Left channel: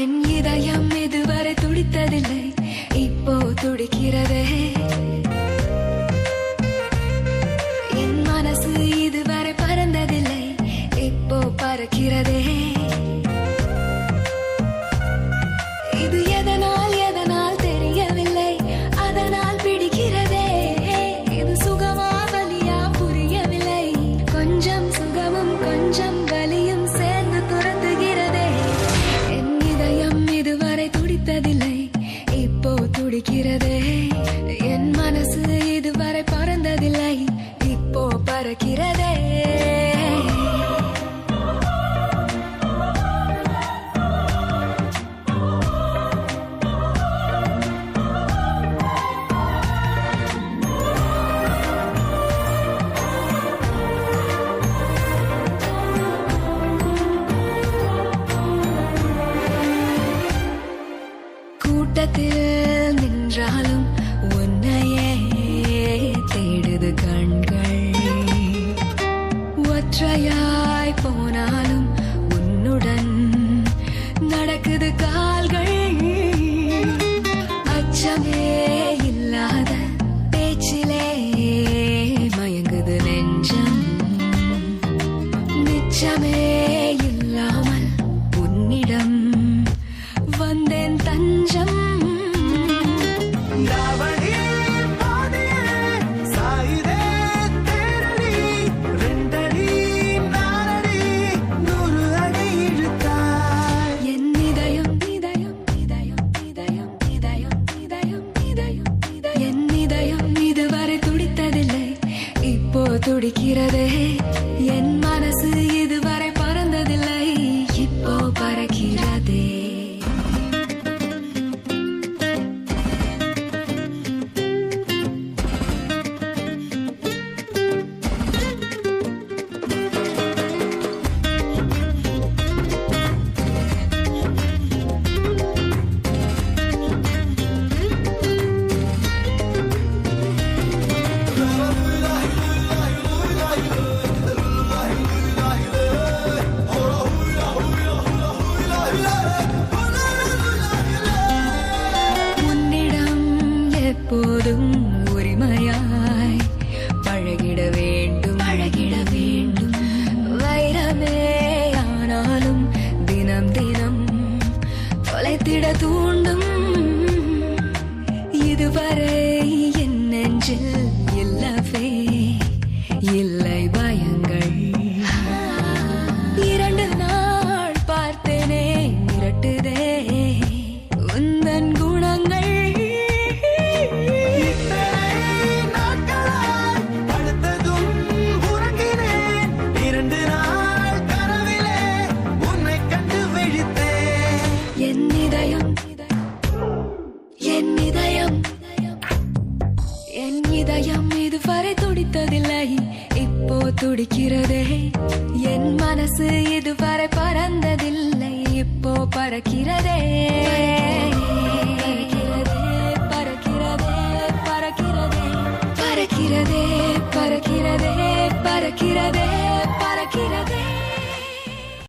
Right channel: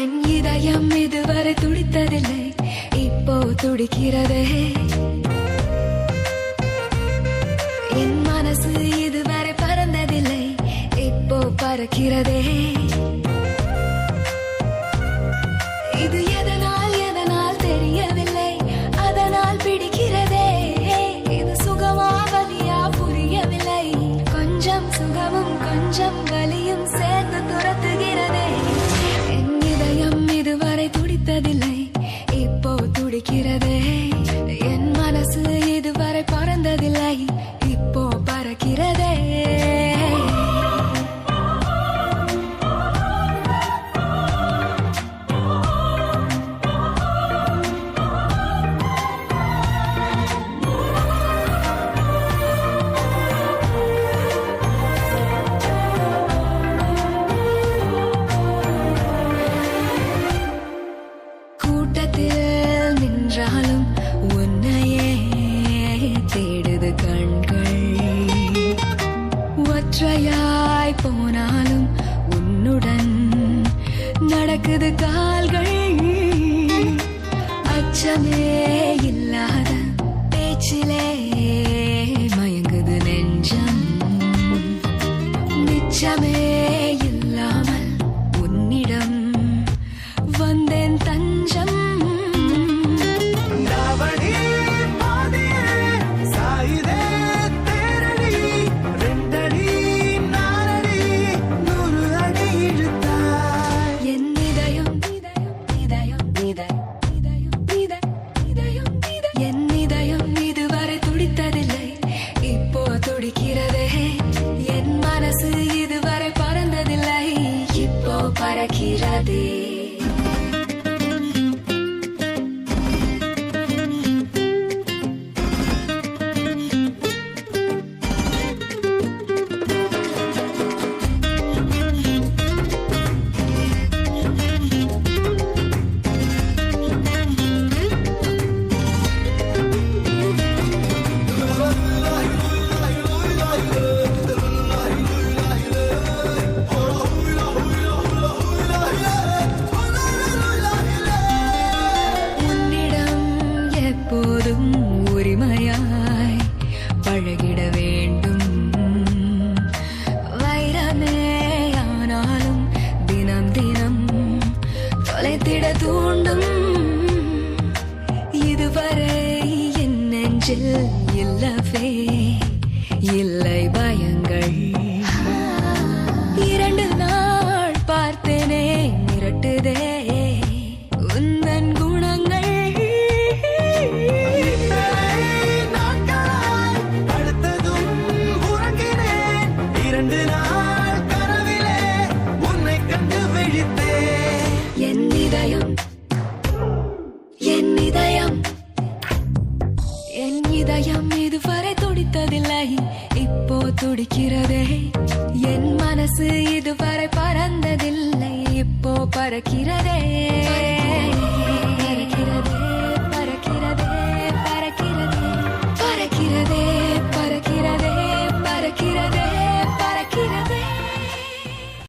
என் இதயம் இதுவரை துடித்ததில்லை, இப்போ துடிக்கிறதே. என் மனசு இதுவரை பறந்ததில்லை, இப்போ பறக்கிறதே. இது எதனால் தெரியவில்லை, அதனால் பிடிக்கிறதே. இது சுகமா வலியா புரியவில்லை, கொஞ்சம் சுகமும் கொஞ்சம் வலியும் சேர்ந்து துரத்துகிறதே. என் இதயம் இதுவரை துடித்ததில்லை, இப்போ துடிக்கிறதே. என் மனசு இதுவரை பறந்ததில்லை, இப்போ பறக்கிறதே. கூட்டத்தில் நின்றாலும் உன்னையே தேடுது கண்கள், ஒற்றையாய் போனாலும் உன்னுடன் நடக்குது கால்கள். அச்சமே இல்லாத பேச்சிலே மயங்குது நெஞ்சம், நிச்சமே இல்லாமல் உன்னிடம் வந்தேன் தஞ்சம். என் இதயம் இதுவரை துடித்ததில்லை, இப்போ துடிக்கிறதே. என் மனசு இதுவரை பறந்ததில்லை, இப்போ பறக்கிறதே. உன்னிடம் எப்போதும் உரிமையாய் பழகிட வேண்டும், வைரமே ஆனாலும் தினம் தினம் தொலைத்திட தூண்டும். இதுவரை என் நெஞ்சில் இல்லவே இல்லை பயங்கள், 2 நாள் பார்த்தேனே மிரட்டுதே உந்தன் குணங்கள். படுத்ததும் உறங்கினேன், 2 நாள் கனவிலே உன்னை கண்டு விழித்தேன். என் இதயம் இதுவரை துடித்ததில்லை, இப்போ துடிக்கிறதே. என் மனசு இதுவரை பறந்ததில்லை, இப்போ பறக்கிறதே. பறக்கிறதே, பறக்கிறதே, பறக்கிறதே, பறக்கிறதே.